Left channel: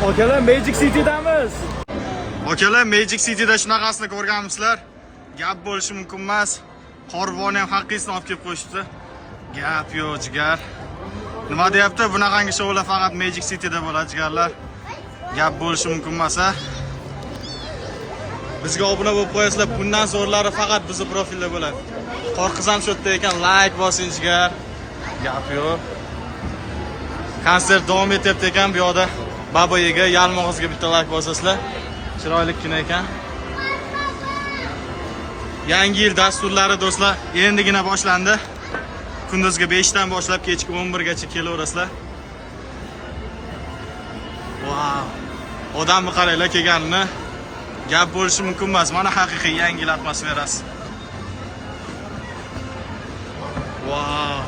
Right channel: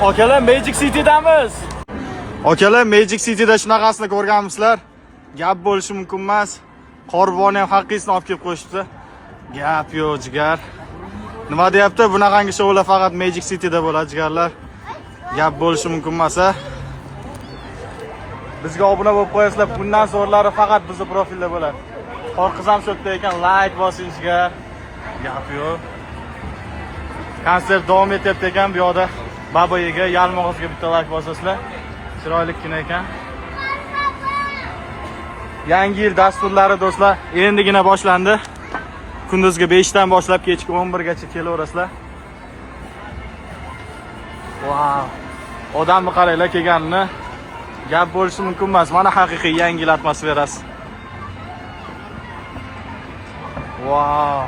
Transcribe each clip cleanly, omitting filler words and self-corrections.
Akalar Magic City'damiz. Akalar Magic City'da shunaqasini ko'rganmisizlar? Gap bo'lishi mumkin emas. Qorbonni ham haqqisini olib kelib qo'yishdi. Gap yo'q, jigar. Nima deyapti? Bunaqangi shoular faqat Magic City'da bo'ladi, jigarlar. Gap bo'lishi mumkin emas-a? Bizga obuna bo'lib qo'yasizlar. Bundan so'rlari faqat bizning profilda bo'ladi. Qorqiz ham shu yerda ekan, like bosing, jigar. Gap yo'q. Konsert davom etyapti ekan bu yoqda. Babayiga, Yalmog'izga bitta like bosasizlar. Chiroylikkina ekan. Yangi yil dasturlari do'stlar endigina boshlandi. Kunduzgi 5 dan boshlab kechki 11 gacha kelaverasizlar. Wow. Odamni qaranglar kelganini. Gap bo'lishi mumkin emas. Mana haqiqiy yangi yil atmosferasi. Wow.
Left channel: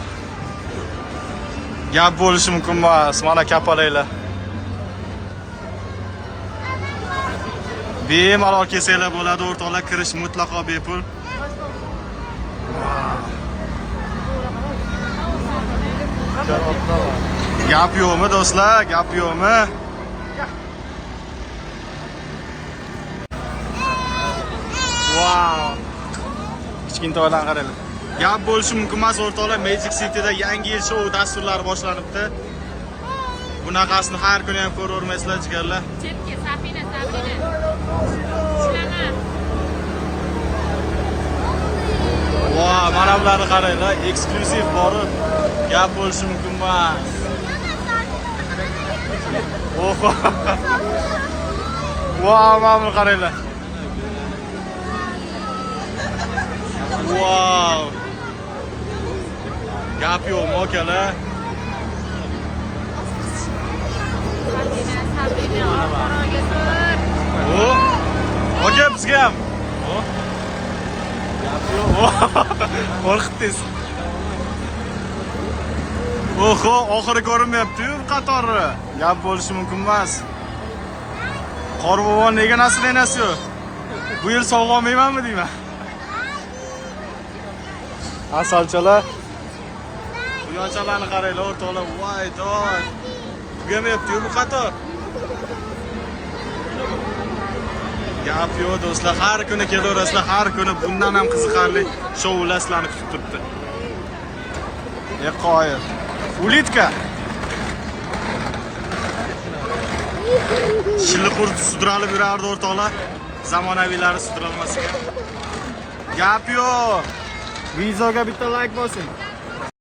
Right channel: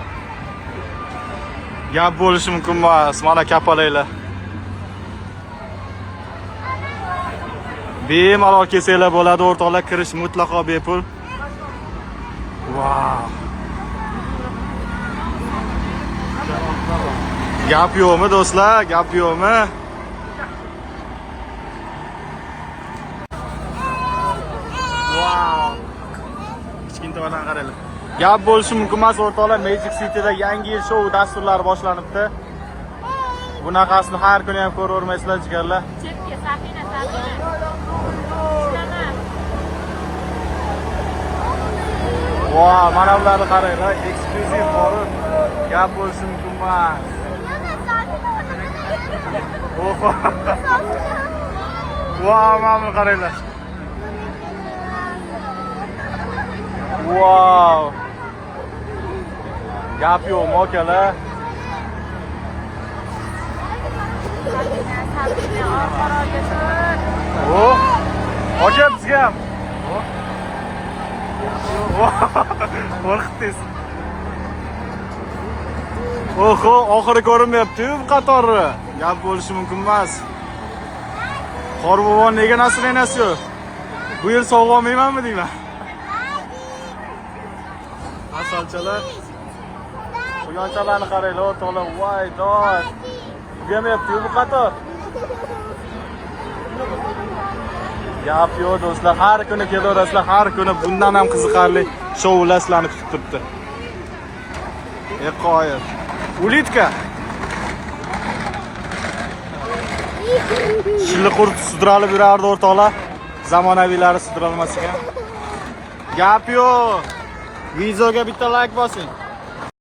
Gap bo'lishi mumkin emas. Mana kapalaylar. Bemalol kelsanglar bo'ladi, o'rtoqlar, kirish mutlaqo bepul. Wow. Gap yo'qmi do'stlar? Gap yo'qmi? Wow. Kichkintoylarni qaranglar. Gap bo'lishi mumkin emas, o'rtoqlar, Magic City'da yangi yil shou dasturlari boshlanibdi. Bunaqasini har kuni ham ko'ravermaysizlar, jigarlar. Chetga Safina, Sabrina. Wow, mana bularni qaranglar, eksklyuziv bor. Gap bo'lishi mumkin emas. Oho. Wow, mana buni qaranglar. Wow. Gap yo'qmi, akalar? Sabrina, orqaroqga tur. Oh. Aka bizga ham. Oh. Gap yo'q. Qo'rqitdingiz. Oho, oxiri ko'rinmayapti-yu bu qatori. Gap bo'lishi mumkin emas. Qorbobon nega nasrlanasiz-yu? Bu yil sovg'a olmaymanmi deyman? Asalchalar. Quyonchalarni qaranglar, o'rtoqlar. Voy, dod. Tugamayapti-yu bu qator. Gap yo'q do'stlar, har kuni kelaverasizlar, har kuni bundan ham qiziqarli shoular sizlarni kutib turibdi. Qoyil. Ulitka. Shilli qurt sudralib yurardi o'rtoqlar. Zamonaviylari sudralmas ekan. Gap yo'q. Videoga bitta like bosing.